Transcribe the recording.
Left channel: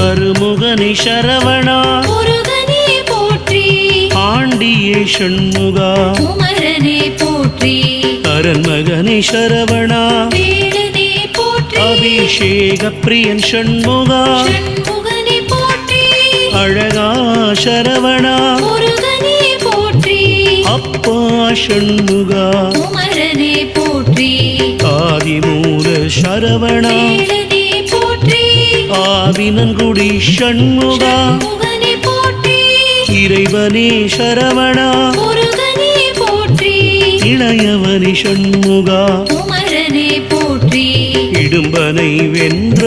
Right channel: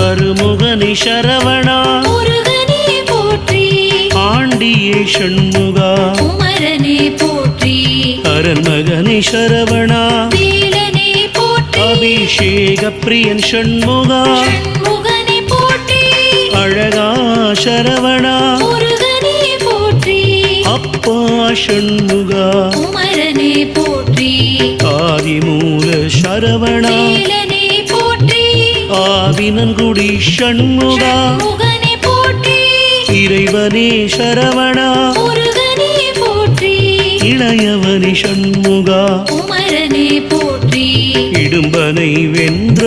அருமுகனி சரவணா முருகனே போற்றி ஆண்டியே ஷண்முகா குமரனே போற்றி அரண்மகனி சரவணா வேலனே போற்றி அபிஷேக பிரியன் ஷண்முகா ஷண்முகனே போற்றி அழகா சரவணா முருகனே போற்றி அப்பா ஷண்முகா குமரனே போற்றி ஆதிமூல சரவணா வேலனே போற்றி ஆவினன்குடி ஷண்முகா ஷண்முகனே போற்றி இறைவனே சரவணா முருகனே போற்றி இளையவனி ஷண்முகா குமரனே போற்றி இடும்பனை வென்ற